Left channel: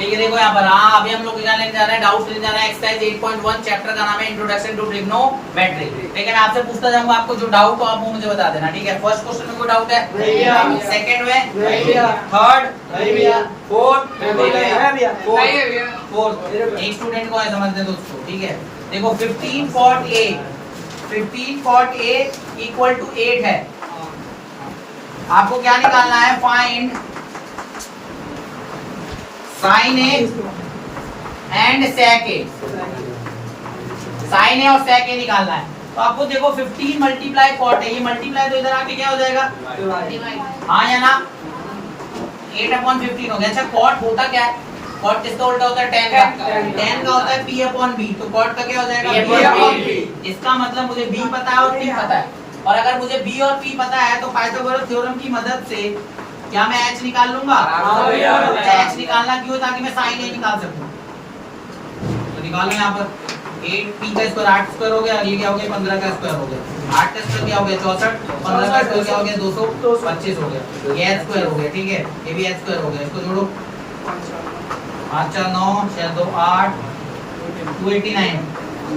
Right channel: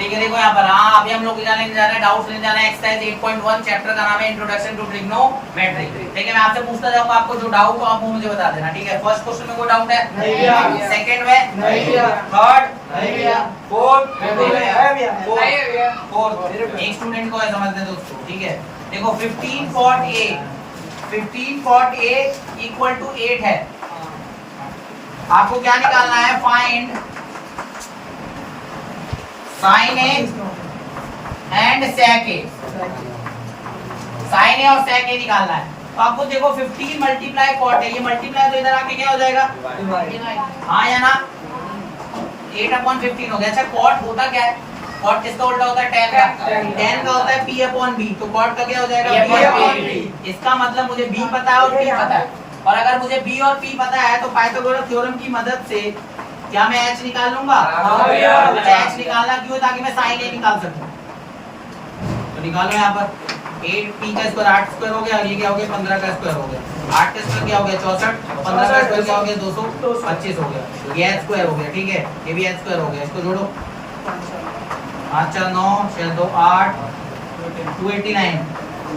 ठीक है, देखो यहाँ पर हाँ अभी हम लोग क्या लेने जा रहे हैं, डाउट लेने जा रहे हैं एक्सरसाइज 8.1 चैप्टर का नाम है इंट्रोडक्शन टू ट्रिग्नोमेट्री। ठीक है, मैं आपसे पूछता जाऊंगा, आपको जो डाउट हो आप वो मुझे बता देना। ठीक है, फर्स्ट क्वेश्चन में कोई डाउट है? नहीं भैया। सेकंड में? नहीं भैया। थर्ड? नहीं भैया। फोर्थ? नहीं भैया। फोर्थ। एक स्टूडेंट को है समझते तो उसको। ठीक है, देखो 15 cot A इक्वल टू 8 है। आपको क्या निकालना है? Find sine A and sec A. Sine A और सेक ए निकालना है। तो आपको देखो 15 मल्टीप्लाई कॉट है, ये मल्टीप्लाई तो इधर आके क्या हो जाएगा? हाँ या ना? 8/15 हो गया। अच्छा कॉट होता क्या है? कॉट किसका उल्टा होता है? tan का। tan का होता है p/b। तो कॉट का क्या हो जाएगा? p/b। इसका मतलब मुझे b पता है और p पता है, और अगर मुझे b और p पता है तो पाइथागोरस थ्योरम की मदद से क्या मैं h निकाल लूंगा? h निकालना क्यों? ताकि मैं sin a निकाल सकूं। तो निकालो यहाँ पर 8p का स्क्वायर 8 स्क्वायर हो गया, और ये क्या हो गया? 15 का स्क्वायर हो गया। 8 का स्क्वायर क्या हो गया? 64। 15 का स्क्वायर क्या हो गया? 225 हो गया। ये h स्क्वायर हो गया। ठीक है, ये भी h स्क्वायर हो गया। इसको जोड़ो 5 4 9 6 2 8 289।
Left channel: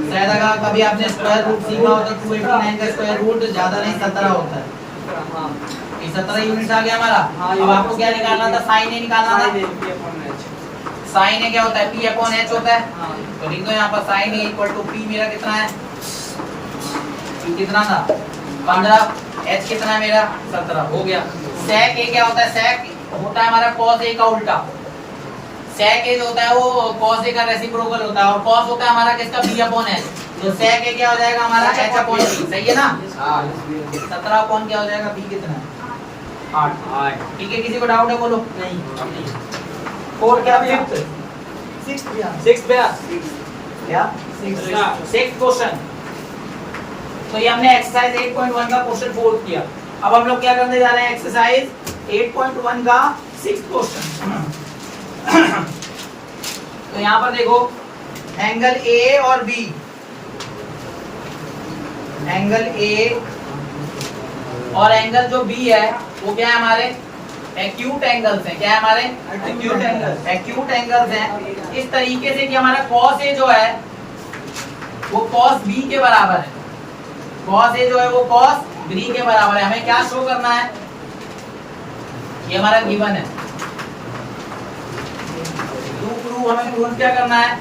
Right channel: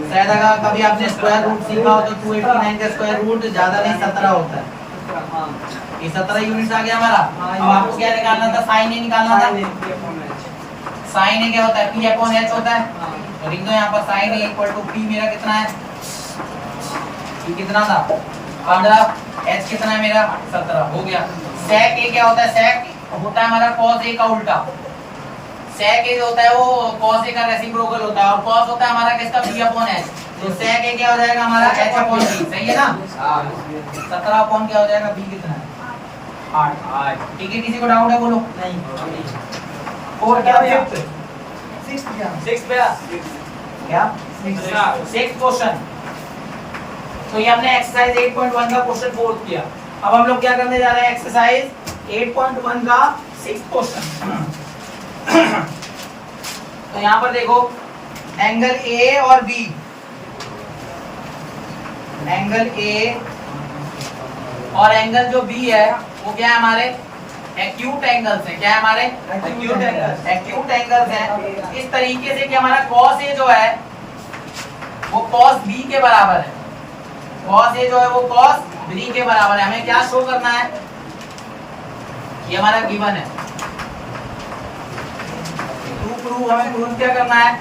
शायद अगर कभी आपने स्क्वायर रूट सीखा हो तो 289 का स्क्वायर रूट ज्यादा नहीं 17 होता है। ये 17 यूनिट्स आ गया हमारा। अब आपको क्या निकालना था? साइन ए निकालना था। साइन ए क्या होता है? p/h होता है। तो लिख दो यहाँ पर sine A equal to p। मेरा कितना है? p कितना था? 15। h कितना है मेरा? 17 हो गया। sec a क्या होता है? sec होता है हमारा cos a का उल्टा। sec a जो होता है वो cos a का रेसिप्रोकल होता है, और cos होता है हमारा किसका? p/h। तो sec a क्या हो जाएगा हमारा? h/p। सही है ना? 17 क्या हो जाएगा? p कितना है? 8। ठीक है, किसी को डाउट है? बोलो। नहीं। और क्या? 6 क्या? 6 क्वेश्चन। तो ये हमने एक्सरसाइज 8.1 का क्वेश्चन 4 किया। अब हम लोग क्या करने जा रहे हैं? एक्सरसाइज 8.1 का 6 क्वेश्चन। तो यहाँ पर देखो एंगल ए और बी, एंगल ए और एंगल जो बी है वो क्या है? हमारे एक्यूट एंगल्स हैं। क्या है हमारे? एक्यूट एंगल्स हैं। इस तरीके से कि हमारा cos A जो है वो cos B के बराबर है। cos A जो है वो cos B के बराबर है। हमें क्या शो करना है? ये हमारा गिवन है। हमें प्रूव क्या करना है?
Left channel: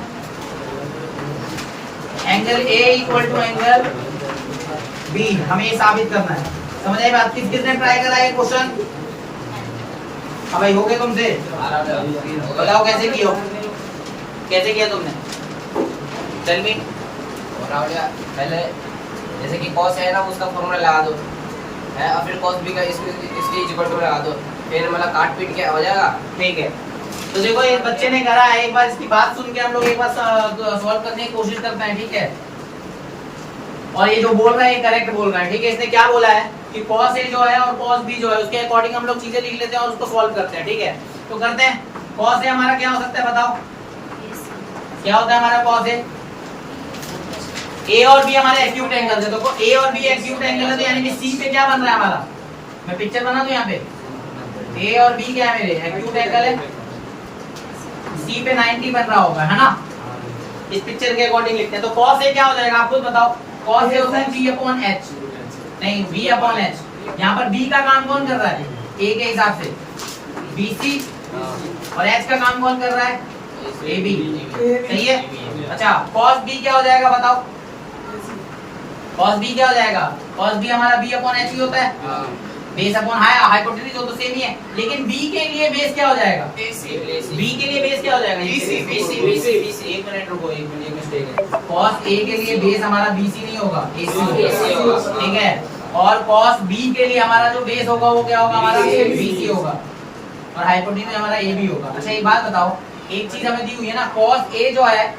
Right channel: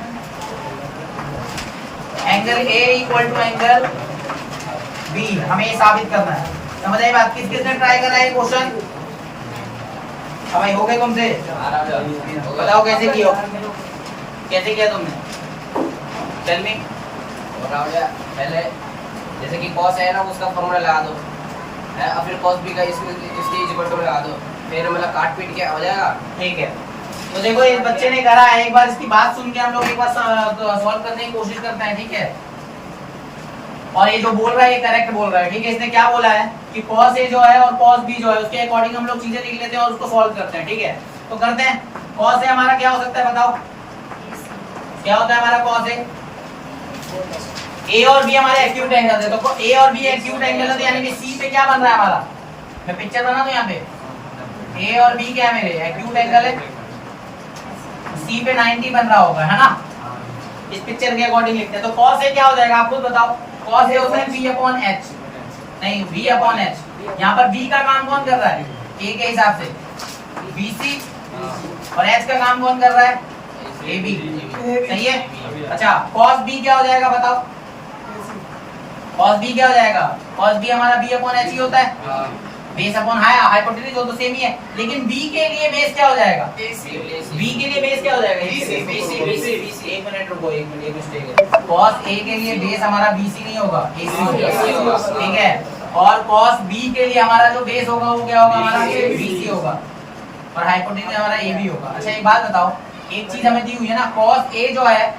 Angle A equal to angle B हमें ये साबित करना है। समझ आई बात? किसने ट्राई करा ये क्वेश्चन? अब भाई हो गए तुमसे? बताओ कैसे किया? कैसे किया तुमने? Tell me. बनाओ यार। पहले जैसे कि cos है ना उसका फॉर्मूला लगा दो है, और फिर cos b का इसकी इक्वल टू लगा दो, फिर मतलब काट पीट के हो जाएगा। ठीक है, तो देखो एक बच्चे ने करा है। एक बार इसकी बात सुन के हम लोग एक बार सॉल्व करने की कोशिश करते हैं। ठीक है, और ये जो बोल रहा है ये करेक्ट बोल रहा है। ठीक है, इसने क्या बोला है कि cos A जो है और cos B जो है उसके अकॉर्डिंग हम लोग चीजें लिख लेते हैं और उसको सॉल्व करते हैं। ठीक है, तो करते हैं। cos A हमारा क्या हो सकता है? बताओ क्या होता है हमारा cos A? A और B हमारे एक्यूट एंगल है। तो A और B एक्यूट एंगल है, तो यानी कि C पे क्या बन रहा है हमारा? मैं पिक्चर बना दूं यहाँ पे। A और B क्या है? मेरे एक्यूट एंगल है। C पे 90 बन रहा होगा, है ना? इस पिक्चर के अकॉर्डिंग लिखते हैं। तो cos A क्या हो जाएगा? आप खुद बताओ। cos A होता है b/h, नहीं b/h। यहाँ पर b का काम कौन कर रहा है? a के हिसाब से bc, और h का काम कौन कर रहा है? ab। सही है? अच्छा cos b क्या हो जाएगा? बताओ cos b क्या हो जाएगा? cos b हमारा b/h ही होता है। बेस अपॉन हाइपोटेन्यूज हो तो सेम ही है, लेकिन b के लिए बेस क्या हो जाएगा? b के लिए बेस क्या हो जाएगा? bc। एक मिनट रुको, एक मिनट, एक मिस्टेक है। cos a के लिए बेस हमारा bc नहीं होगा, ac होगा। ठीक है, और cos b के लिए हमारा जो बेस होगा वो क्या होगा? हमारा bc होगा, और हाइपोटेन्यूज हमारा ab होगा। अच्छा एक बात बताओ, एक चीज हमें दी हुई है ना, cos a जो है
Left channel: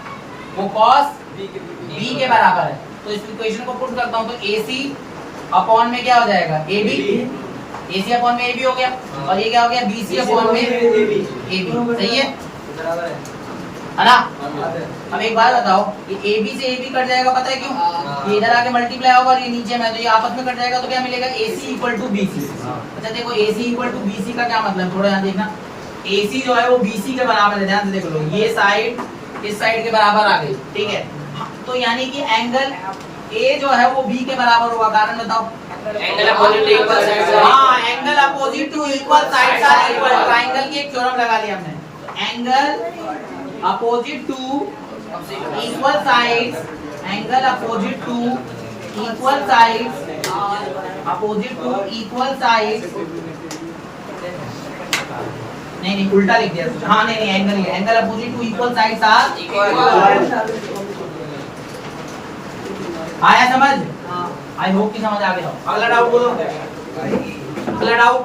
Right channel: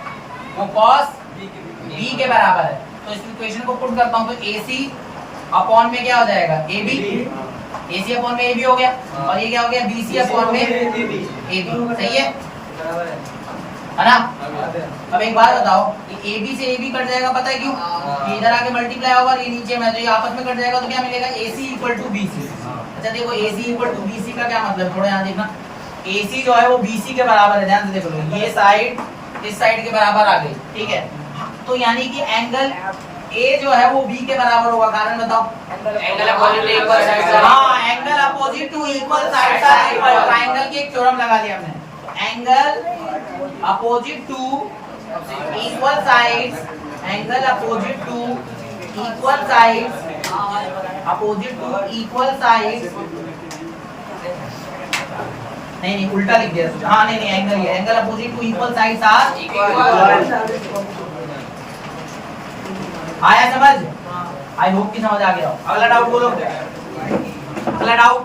वो cos b के बराबर है। तो इस इक्वेशन को पुट करता हूँ तो ac अपॉन में क्या हो जाएगा? ab। AC अपॉन में AB हो गया, और ये क्या हो गया? BC अपॉन में AB। सही है ना? अब एक बात बताओ, ये AB से AB कट जाएगा, पता है क्यों? ये इधर आके मल्टीप्लाई होगा और ये नीचे में, तो ये आपस में कट जाएगा, तो क्या मिलेगा? AC equal to BC। अच्छा देखो AC इक्वल टू BC का क्या मतलब? थोड़ा यहाँ देखना। AC जो है वो BC के बराबर है, ध्यान से देख लो, ये साइड इस साइड के बराबर आ गई, ठीक है। तो यानी कि एंगल A जो है वो B के बराबर होगा, कारण बताओ। Angle opposite to equal side. हाँ, angle opposite to equal sides are equal, triangle की एक थ्योरम लगा लिया हमने। Angle opposite to equal sides, angle opposite to equal sides, opposite to equal sides, नहीं उल्टा लिख दिया। हाँ नहीं angle opposite to equal sides are equal. आया समझ? आई होप कि समझ आ गया हो। अगला डाउट बोलो, अगला डाउट।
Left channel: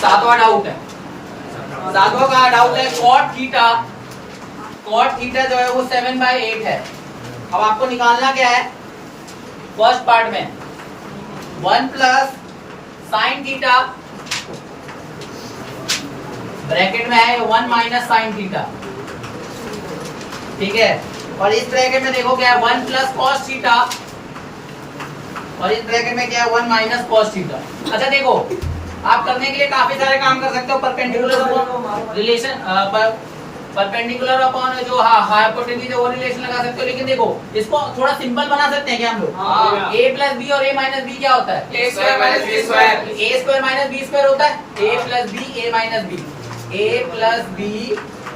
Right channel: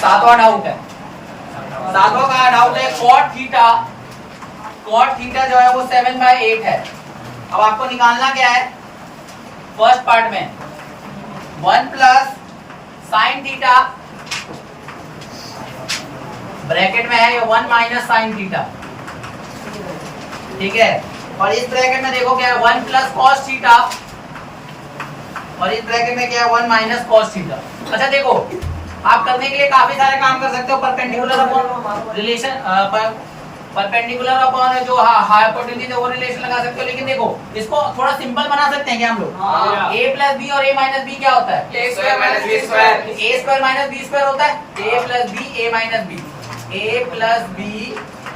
सातवां डाउट है, सातवां का डाउट है cot थीटा जो है वो 7/8 है। अब आपको निकालना क्या है? फर्स्ट पार्ट में 1 प्लस साइन थीटा, ब्रैकेट में है 1 माइनस साइन थीटा, ठीक है। और इस ब्रैकेट में देखो क्या है, 1 प्लस कॉस थीटा, और इस ब्रैकेट में क्या है, 1 माइनस कॉस थीटा। अच्छा देखो, आप करने के लिए काफी सारे काम कर सकते हो। Perpendicular upon relation, perpendicular upon जो हाइपोटेन्यूज है वो रिलेशन लगा सकते हो। लेकिन देखो, इसको थोड़ा सिंपल बना सकते हैं क्या हम लोग? a प्लस बी और a माइनस बी क्या होता है? a square minus b square. a square minus b square होता है। a plus B a minus B, a plus B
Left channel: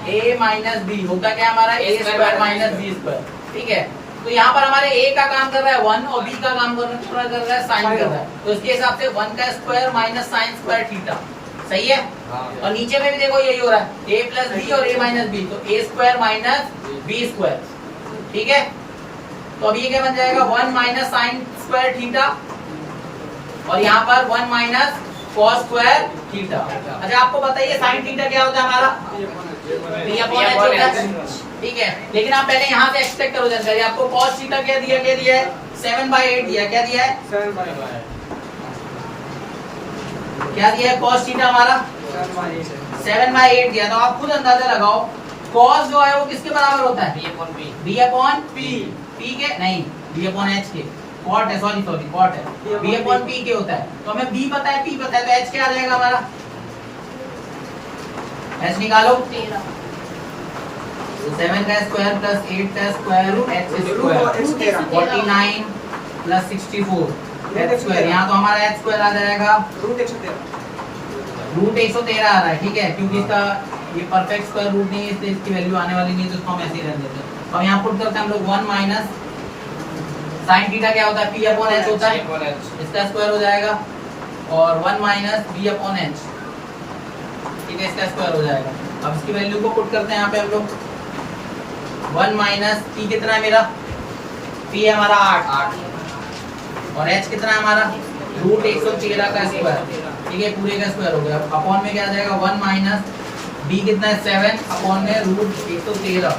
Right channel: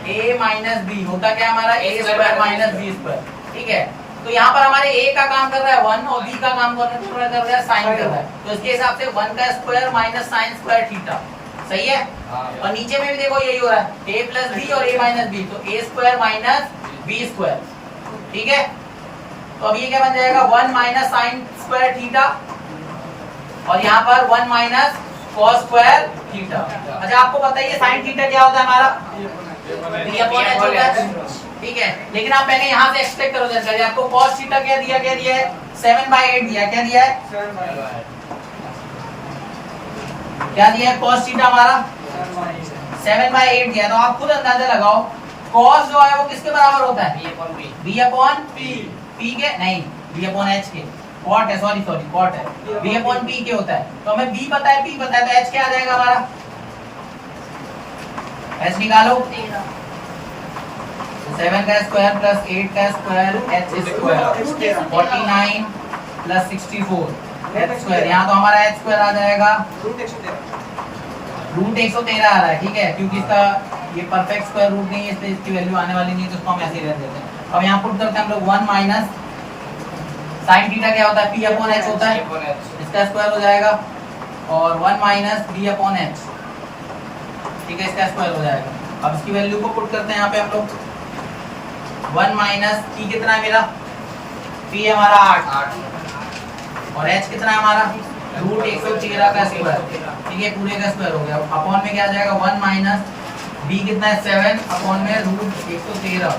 a minus B होता क्या हमारा? a square minus b square, ठीक है। तो यहाँ पर हमारे a का काम कर रहा है 1 और b का काम कर रहा है साइन कर रहा है। तो इसके हिसाब से 1 का square minus sine square theta, सही है। और नीचे में भी देखो यही हो रहा है, a प्लस बी और a माइनस बी, तो a square minus b square, ठीक है। तो अभी ये क्या बन जाएगा? 1 माइनस साइन स्क्वायर थीटा, और यहाँ पर 1 माइनस कॉस स्क्वायर थीटा। अच्छा आपको बताइए साइन थीटा क्या होता है हमारा? b अपॉन h होता है, ठीक है। लेकिन आप पहले यहाँ से एक्सपेक्ट करो जानकारी। आपको cos थीटा क्या दिया है? 7/8 दिया। क्या दिया है? क्या दिया है? cos थीटा हमारा 7/8 दिया। तो आप खुद अंदाजा लगाओ, cos जो है वो किसके बराबर होता है? b अपॉन p के नहीं, b अपॉन h के। cot है, सॉरी cot है, b अपॉन p के होता है। तो हमें b पता है, p पता है, तो h क्या आ जाएगा हमारा? h निकालो, 7 का स्क्वायर प्लस 8 का square h square 49 plus 64 h square. यहाँ तो हमारा h स्क्वायर आ जाएगा रूट 113 आ रहा है, ठीक है, क्योंकि इसका ये परफेक्ट स्क्वायर रूट नहीं है, इसलिए इसकी वैल्यू आने वाली नहीं है, तो इसको हम ऐसे ही रख देते हैं। अब यहाँ पुट करते हैं हम लोग 1 माइनस साइन थीटा क्या होता है? p अपॉन h होता है, इसका स्क्वायर हो जाएगा, और 1 माइनस b अपॉन h, ठीक है, इसका स्क्वायर हो जाएगा। अब इसकी वैल्यू को पुट करते हैं यहाँ पे हम लोग। 1 माइनस p कितना है मेरा? p है हमारा 8, और h कितना है हमारा? रूट 113 का स्क्वायर, ठीक है, पूरे का स्क्वायर हो गया। अपॉन में क्या आ जाएगा? 1 माइनस b कितना है? 7 अपॉन में रूट 113,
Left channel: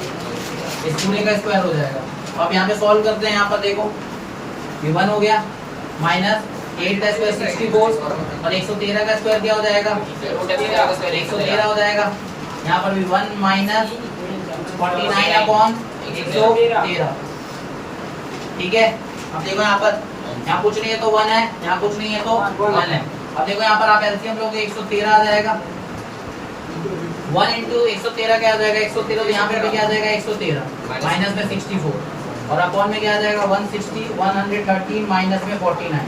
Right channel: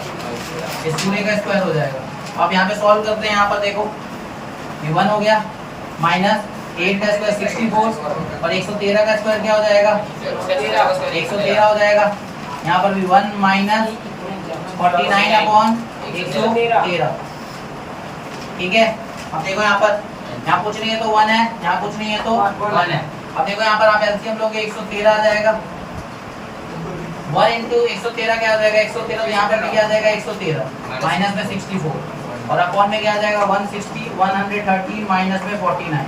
इस पूरे का स्क्वायर हो जाएगा। अब यहाँ पे सॉल्व करते हैं। यहाँ पर देखो ये 1 हो गया, माइनस 8 का स्क्वायर 64, और 113 का स्क्वायर क्या हो जाएगा? 113 हो जाएगा। यहाँ पर भी 1 माइनस 49 अपॉन 113, ठीक है। अब देखो यहाँ पर, यहाँ कुछ नहीं है तो 1 है, यहाँ कुछ नहीं है तो 1 है। अब देखो यहाँ पर आप एलसीएम लोगे, 113 आ जाएगा, 1 इंटू 113 क्या आ जाएगा? 113, यहाँ पर भी क्या आ जाएगा? 113, माइनस में 64, और अपॉन में क्या आ जाएगा? 113 माइनस में 49,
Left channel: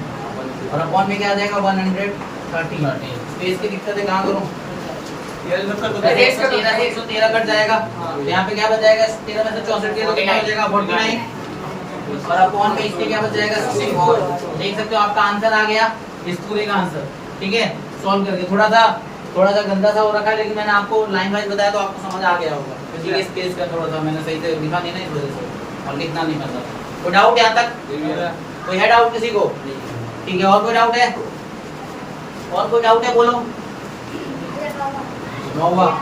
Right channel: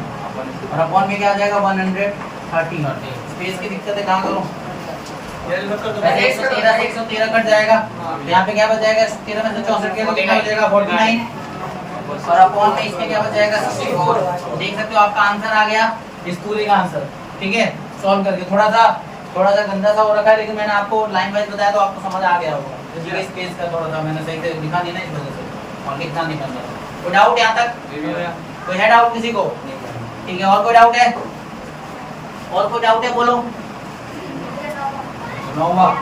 और अपॉन में क्या आ जाएगा? 113। स्पेस की दिक्कत है, कहाँ करूँ? 113 कट जाएगा, यहाँ पे क्या बच जाएगा? 13 में से 64 के कितना बचेगा? 49, और अपॉन में इसके क्या बच जाएगा? 64। देख सकते हो आपका आंसर आ गया, इस पूरे का आंसर, ठीक है। सॉल्व करके थोड़ा सा गंदा सा हो रखा है, लेकिन मैंने आपको लाइन वाइज बताया तो आपको समझ आ गया होगा, क्योंकि स्पेस का थोड़ा सा मैंने सही से लिखा नहीं ना, इस वजह से, और लिखना नहीं पड़ता। कोई डाउट यहाँ तक? कोई है डाउट किसी को? ठीक है, और कोई डाउट है? और कोई डाउट है बोलो। 9वां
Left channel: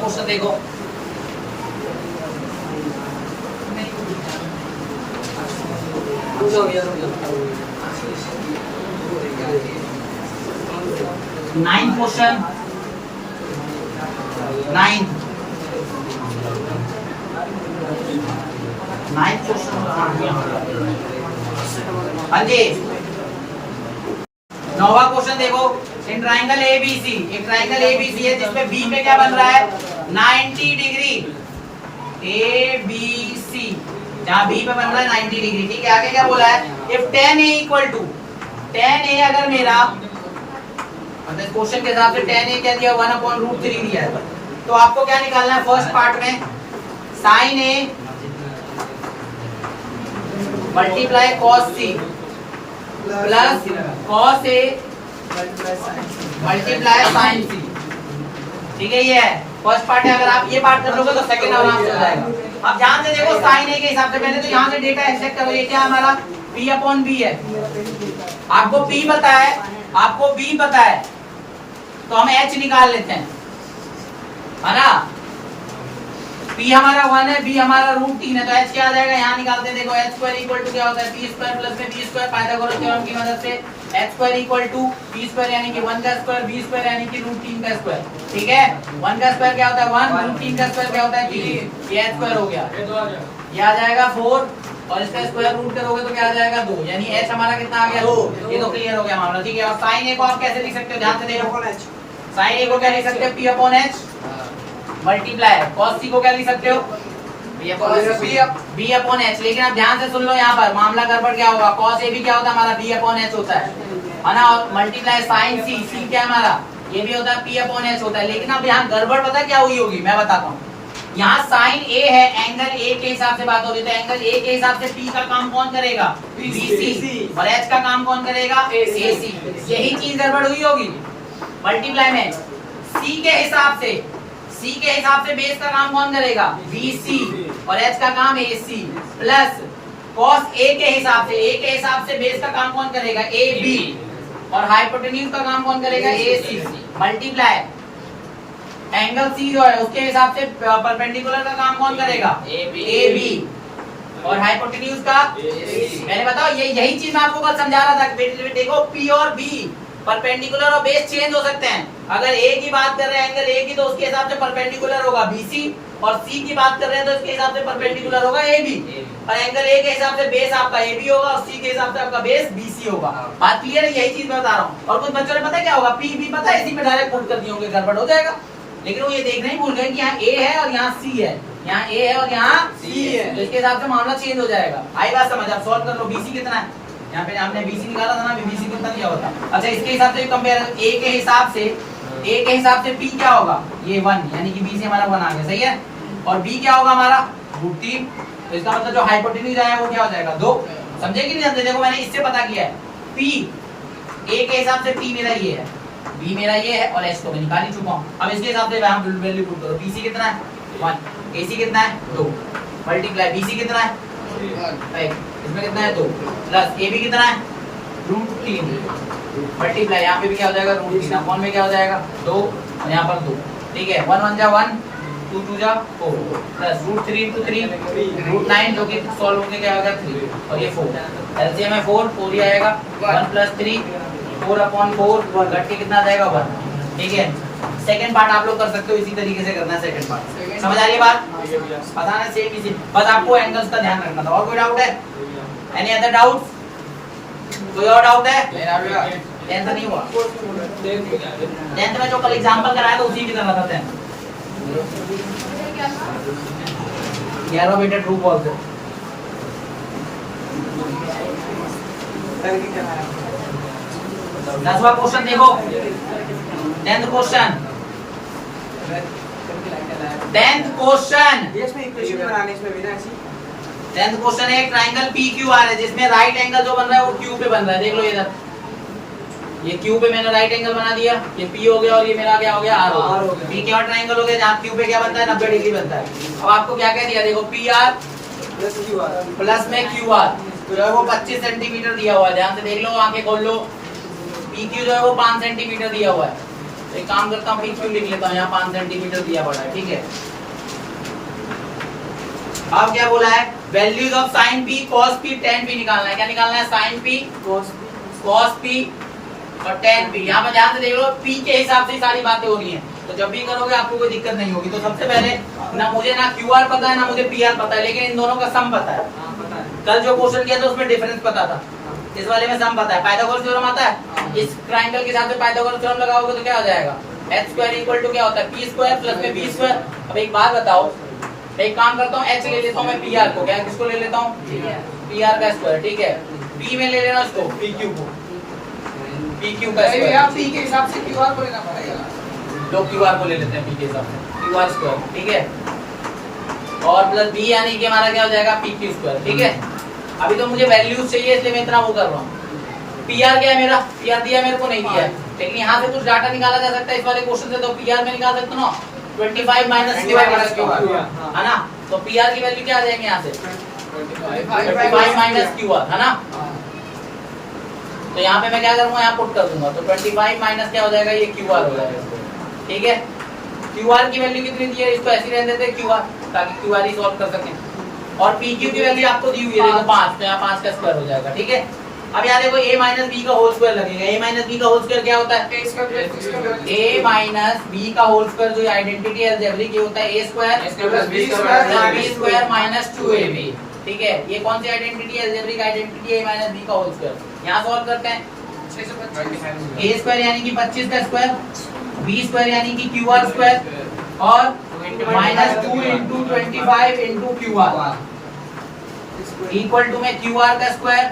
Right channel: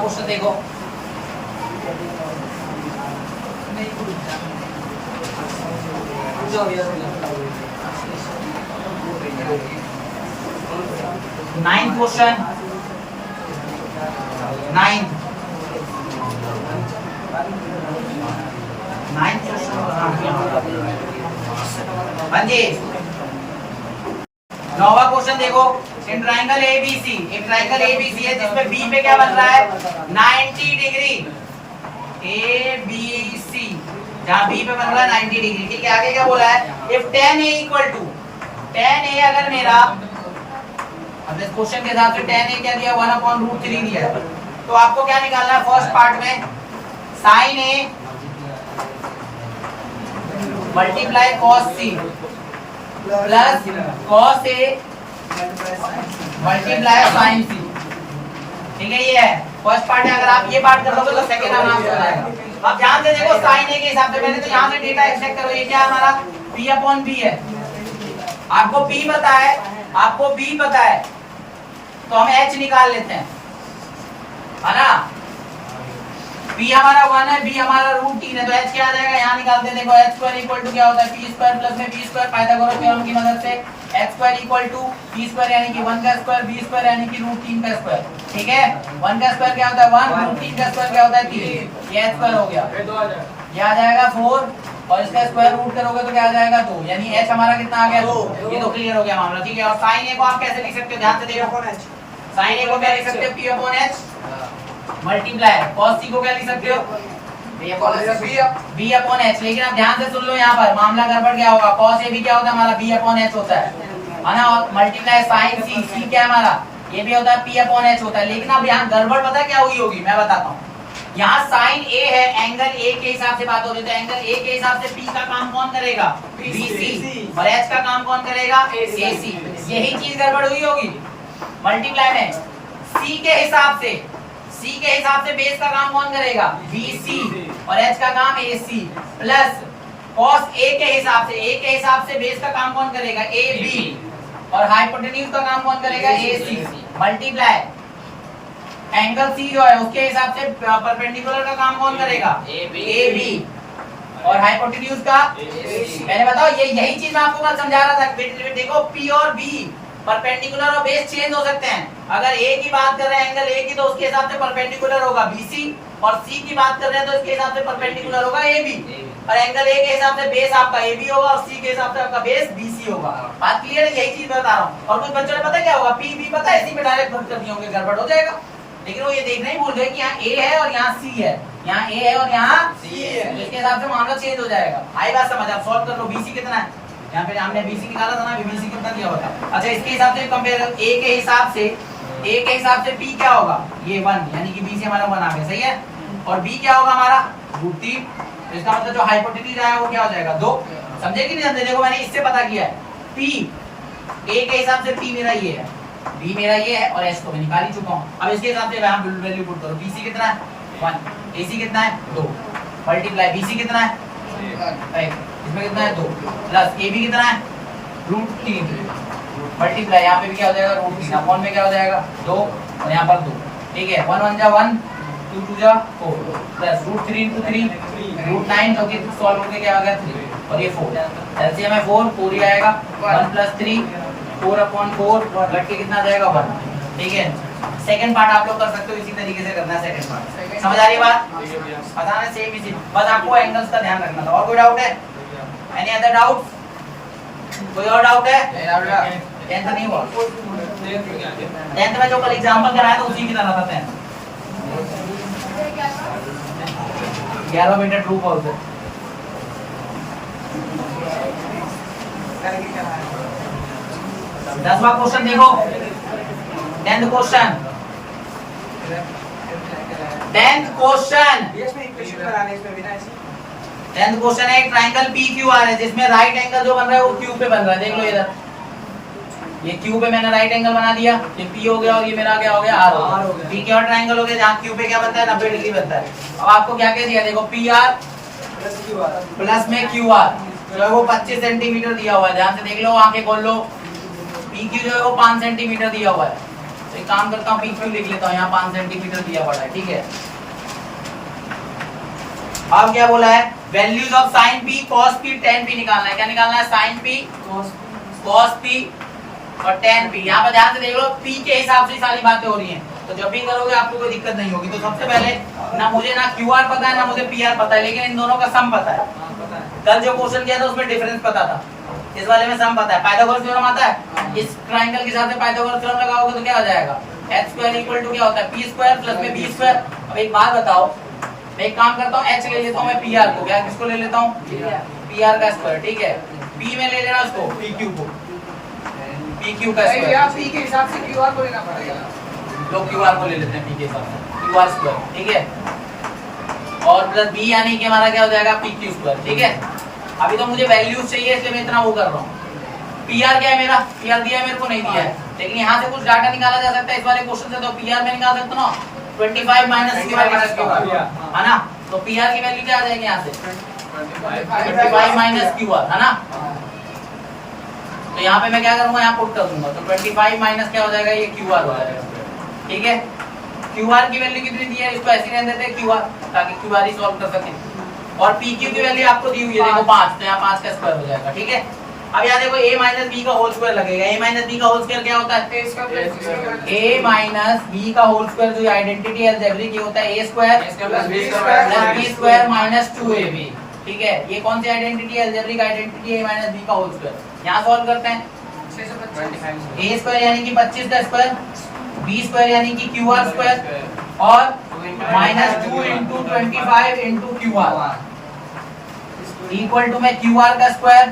क्वेश्चन देखो, नाइन्थ क्वेश्चन, 9th क्वेश्चन। हाँ जी, नौवां क्वेश्चन देखो, इन ट्राइंगल एबीसी, एक ट्राइंगल एबीसी है जिसमें बी पे क्या बन रहा है 90 डिग्री, एबीसी जहां बी पे बन रहा है 90 डिग्री, ठीक है। आगे क्या बोला है, if tan a equal to, tan a अगर मेरा मतलब क्वेश्चन के हिसाब से tan a क्या दिया 1/√3 दिया है, तो आपको क्या निकालना है फर्स्ट पार्ट में, sin a multiply cos c plus cos a multiply sin c, ठीक है। ये है फर्स्ट पार्ट है, अगर आप ये पार्ट कर लोगे तो सेकंड आराम से हो जाएगा। अब ध्यान से देखो sin a के हिसाब से पहले तो यहाँ से डेटा एक्सट्रैक्ट करो, ये क्या हमारा p/b है, आपको b पता है, आपको b पता है तो हम h निकाल लेते हैं, है ना। p हमारा 1 है, b हमारा √3 है, तो h क्या आ जाएगा, यहाँ निकालते हैं। देखो h² इक्वल टू क्या होता है p² प्लस में b² पाइथागोरस थ्योरम की मदद से h² इक्वल टू p² यानी कि 1 का स्क्वायर, b² यानी कि √3 का स्क्वायर, ठीक है। 1 का स्क्वायर क्या होता है 1, √3 का स्क्वायर क्या होता है 3, ये h² हो गया, ये आ जाएगा 4 और इसका स्क्वायर रूट करोगे तो क्या आ जाएगा 2, यानी h हमारा कितना आ गया 2, ये तो क्लियर हो गया मामला, ठीक है। और sin a को आप कैसे लिख सकते हो, ध्यान से देखो, sin a को क्या लिख सकते हो p/h मल्टीप्लाई cos c को क्या लिख सकते हो b/h, लेकिन आप ध्यान से सुन लो, यहाँ पर मामला गड़बड़ क्या होगा, cos a भी क्या होता है हमारा b/h होता है ना, और मल्टीप्लाई sin c, c क्या है हमारा ये भी होता है p/h होता है। लेकिन अब यहाँ गड़बड़ पता है क्या हुई होगी, मैं बताता हूँ। यहाँ sin a है, एंगल a के हिसाब से बात हो रही है, तो एंगल a के हिसाब से p का काम कौन करेगा bc, और h का काम कौन करेगा ac, यही चीज गड़बड़ हुई होगी। मल्टीप्लाई में c के हिसाब से, c के हिसाब से बेस का काम कौन करेगा bc और h का काम ac, प्लस cos a के हिसाब से, a के हिसाब से बेस का काम कौन करेगा ab और हाइपोटेन्यूज का काम कौन करेगा ac, मल्टीप्लाई एंगल c जो है उसके हिसाब से परपेंडिकुलर का काम कौन करेगा ab और हाइपोटेन्यूज का मैंने बताओ, ये यही चीज मैं आपको कल समझा रहा था। देखो p और b परपेंडिकुलर और बेस चेंज हो सकते हैं, अगर a की बात कर रहे हैं एंगल a की तो उसके हिसाब से परपेंडिकुलर होगा bc, और c की बात कर रहे हैं तो इसके हिसाब से परपेंडिकुलर होगा ab, और एंगल a के हिसाब से बेस आपका ab होगा और c के हिसाब से आपका बेस bc होगा। बात क्लियर है, यही चीज मैं बता रहा हूँ। और कुछ बच्चों ने पता क्या होगा, p b पता है इसी पे डायरेक्ट भर कर दिए होंगे, गड़बड़ हो जाएगा। लेकिन वो ये देखना ही भूल गए कि यहाँ a है और यहाँ c है, यहाँ a है और यहाँ c है, तो इसके हिसाब से मामला चेंज हो जाएगा। आई बात समझ, आप सॉल्व कर लो। bc कितना है, यहाँ पे हमने BC निकाला था ना, BC कितना दिया हुआ था। अच्छा इसके हिसाब से कंपेयर, A के हिसाब से P क्या होगा, ये 1, यानी कि B से हमारा 1 आ गया, सही है। और B क्या होगा हमारा √3, तो इसका मतलब जो हाइपोटेन्यूज आया वो क्या हो जाएगा 2, समझे कि नहीं समझे। देखो मैंने इससे पता किया है, P A के हिसाब से P मेरा ये है, B मेरा ये है और H तो मैं निकाल ही चुका हूँ। अब इसके हिसाब से यहाँ वैल्यू पुट करो, BC कितना है 1, AC कितना है 2, मल्टीप्लाई BC कितना है 1, इसमें कितना है 2, प्लस AB कितना है √3, मल्टीप्लाई यहाँ पे भी क्या हो जाएगा √3, अपॉन में क्या हो जाएगा 2 और यहाँ पर 2, ठीक है। 1 1 जा 1, 2 2 जा 4, प्लस √3 × 3 √9, जो कि सॉल्व होके क्या आ गया 3, और ये 4, एलसीएम है 4, 4 ही आएगा 1 + 3, 4/4 घट के कितना आ जाएगा 1, ठीक है। सेकंड पार्ट आप लोग कर सकते हो, इसी तरीके से करना है सेकंड पार्ट। समझ आ रही है बात, पता है सेम इसी, बस आपको एंगल्स का ध्यान रखना था। और कोई डाउट है, एनी अदर डाउट, कोई और डाउट है? 10th नहीं हुआ, 10th में जो कल एग्जांपल कराया था उसी की तरह था 10th। 11 बेटा ट्रू कॉल दो, 10वां क्वेश्चन देखो, 10th क्वेश्चन, 10th क्वेश्चन है, ट्रायंगल PQR है जिसमें राइट एंगल जो बन रहा है वो Q पे बन रहा है। देख लो इधर, ये Q पे मैंने राइट एंगल बना दिया, ये P हो गया और ये मेरा क्या हो गया R हो गया। P क्या ट्रायंगल हो गया जहाँ Q पे क्या बनता है 90 डिग्री बनता है। अब आपको क्या कह दिया, देखो PR प्लस में QR जो है वो 25 सेंटीमीटर दिया हुआ है, ध्यान से देख लो, आंखें खोल लो। PQ जो है वो 5 सेंटीमीटर दिया हुआ है, तो एक काम करता हूँ PQ लिख लेता हूँ, यहाँ 5 सेंटीमीटर दिया पड़ा है, ठीक है। अब क्या बोला है, values of sin p cos p tan p निकालना है। क्या निकालना है, sin p cos p और tan p। यहाँ पर ध्यान से देख लो, p के हिसाब से सारी बातें हो रही हैं, तो जब भी करोगे आपको कोई दिक्कत नहीं होगी। तो सबसे पहले ना मुझे ना QR पता है ना मुझे PR पता है, लेकिन इन दोनों का सम पता है। कल जो क्वेश्चन किया था उसमें डिफरेंस पता था, इस वाले में सम पता है। पाइथागोरस थ्योरम आता है, इस ट्रायंगल के हिसाब से पाइथागोरस थ्योरम लगाओगे तो क्या हो जाएगा, h स्क्वायर इक्वल टू क्या होता है p स्क्वायर प्लस में b स्क्वायर। अब एक बात बताओ, एक काम करता हूँ, h ले लेता हूँ मैं pr को, क्या किसको ले लेता हूँ, pr का स्क्वायर, ठीक है। p में ले लेना उसको pq को, pq का स्क्वायर, आप p के हिसाब से qr को लेना पड़ेगा, लोग qr को ले लेते हैं p के हिसाब से, qr स्क्वायर, ठीक है। और प्लस b यानी कि हमारा क्या हो जाएगा pq स्क्वायर, ठीक है। अभी तो मुझे वैल्यूज चाहिए इसलिए मैं इतना वो कर रहा हूँ। PR क्या है मेरा, PR दिया मेरे को नहीं दिया है, लेकिन यहाँ से कुछ डाटा निकाला जा सकता है इस वाले क्वेश्चन से, तो PR में निकाल सकते हो ना 25 माइनस है ना, तो PR की वैल्यू क्या आ जाएगी यहाँ से 25 माइनस QR है ना। तो यहाँ पे मैं क्या करूंगा, यहाँ पुट कर दूंगा, तो 25 माइनस क्या हो जाएगा, ये QR हो जाएगा, ठीक है। QR की वैल्यू कितनी दी है, इसको ऐसे रहने देते हैं QR, ताकि QR ही सॉल्व कर सके। और PQ की वैल्यू आपको दी हुई है देखो 5, तो यहाँ 5 का स्क्वायर हो जाएगा, ठीक है। अब यहाँ देखो a माइनस बी का होल स्क्वायर लगेगा, a माइनस बी का होल स्क्वायर क्या होता है, a माइनस बी का होल स्क्वायर जो आइडेंटिटी अलजेब्रिक ये होता है a square plus b square minus 2ab, ठीक है। ये कौन सी आइडेंटिटी है, algebraic identity a minus B का होल स्क्वायर। यहाँ सॉल्व करते हैं, a स्क्वायर यानी कि 25 का स्क्वायर, b स्क्वायर यानी कि qr स्क्वायर, और minus 2 into 25 into qr equal to में qr का स्क्वायर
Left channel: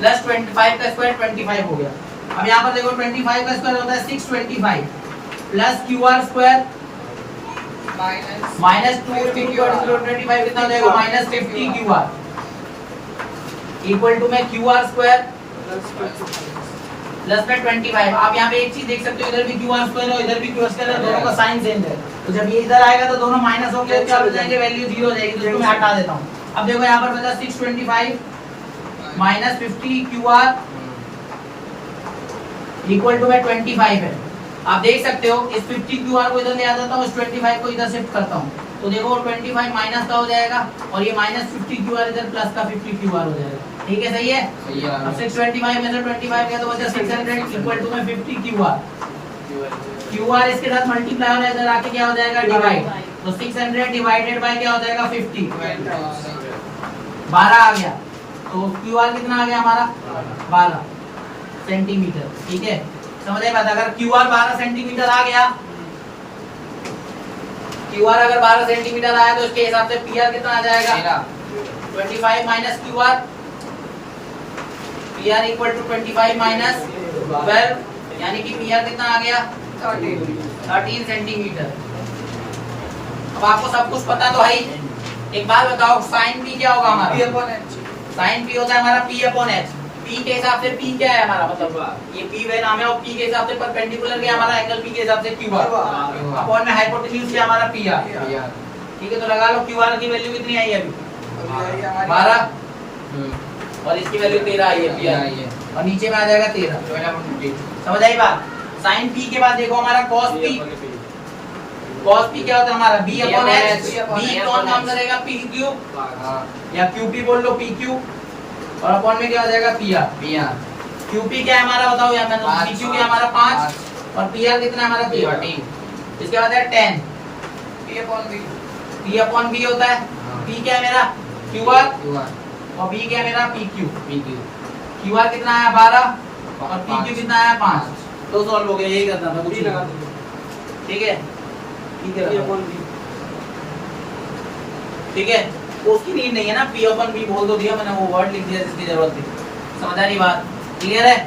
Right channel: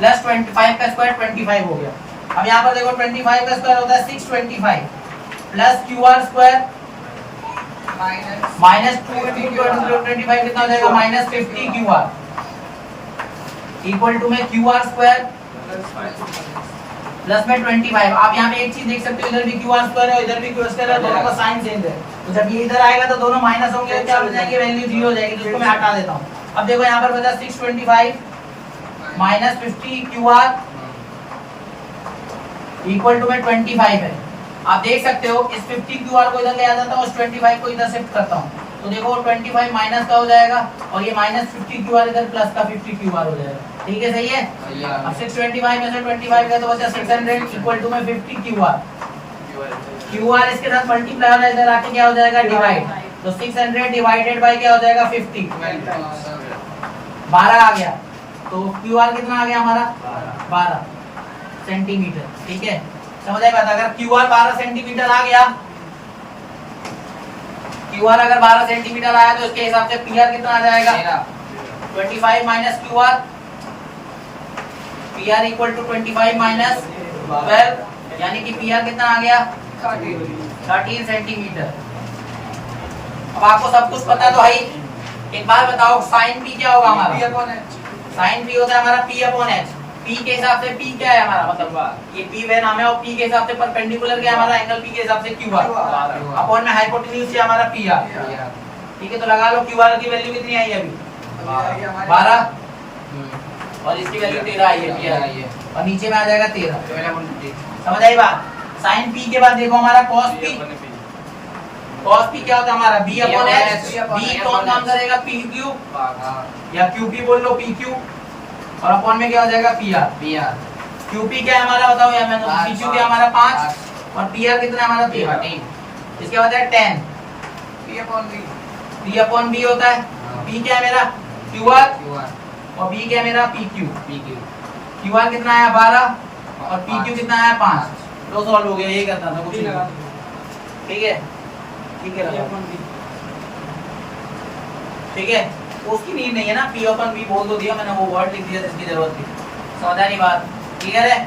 प्लस 25 का स्क्वायर 25 हो गया। अब यहाँ पर देखो 25 का स्क्वायर होता है 625 plus qr square minus 2 into 25 कितना हो जाएगा, माइनस 50 qr इक्वल टू में qr स्क्वायर प्लस में 25। आप यहाँ पे एक चीज देख सकते हो, इधर भी qr स्क्वायर है इधर भी qr स्क्वायर है, दोनों का साइन सेम है, तो जब ये इधर आएगा तो दोनों माइनस होंगे, क्या हो जाएंगे, वैल्यू 0 हो जाएगी, जिसको मैं हटा देता हूँ। अब देखो यहाँ पर बचा 625 माइनस 50 qr इक्वल टू में 25 है। आप देख सकते हो इस 50 qr को इधर ले आ जाता हूँ, उस 25 को इधर शिफ्ट करता हूँ, तो देखो 25 माइनस का हो जाएगा और ये माइनस 50 qr इधर प्लस का 50 qr हो जाएगा, ठीक है, सही है। अब 625 में से 25 गया तो बचा 600 इक्वल टू में 50 qr इसके साथ मल्टीप्लाई हो इधर आके क्या हो जाएगा, डिवाइड, तो 600 डिवाइडेड बाय क्या हो जाएगा 50, 12 आ गया, तो qr कितना आ गया हमारा 12 सेंटीमीटर, ठीक है। समझ आई बात, अगर qr 12 सेंटीमीटर आ गया, qr अगर 12 सेंटीमीटर आया तो इसके हिसाब से pr कितना आ जाएगा 25 minus qr, pr equal to 25 minus 12 यानी कि pr कितना आ गया 13 सेंटीमीटर। अब आपको सब कुछ पता तो है ही, एक बार बताओ साइन p क्या होगा हमारा, साइन p होता है हमारा p अपॉन h, p के हिसाब से p क्या है हमारा, मतलब ये p वे नाम है, और p के हिसाब से परपेंडिकुलर क्या है हमारा, एंगल p के हिसाब से qr अपॉन में हाइपोटेन्यूज क्या हमारा pr, ठीक है। तो लगा लो qr की वैल्यू कितनी आई है अभी 12 और इसकी वैल्यू 13 आई है pr, और नीचे में आ जाएगा 13। समझ आई बात। साइन p के बाद देखो हमारा cos p, cos p क्या होता है हमारा b अपॉन h, b कौन काम करेगा pq या qp बोल लो pq, और अपॉन में क्या हो जाएगा pr, qp क्या है हमारा बताओ, या मैंने pq क्या हमारा 5 और pr कितना है हमारा 13, इसके बाद है 10 p अपॉन b होता है, p क्या है मेरा qr और b क्या है मेरा pq, qr कितना है 12 और pq कितना है 5, तो सॉल्व हो गया, यही करना था कुछ, ठीक है, ठीक है, ठीक है। तो उसकी नीड नहीं है ना, p अपन b बोल दो दिया मैंने, वो वर्ड लिख दिया जिसकी जरूरत थी। समझ आ रही बात, क्लियर है।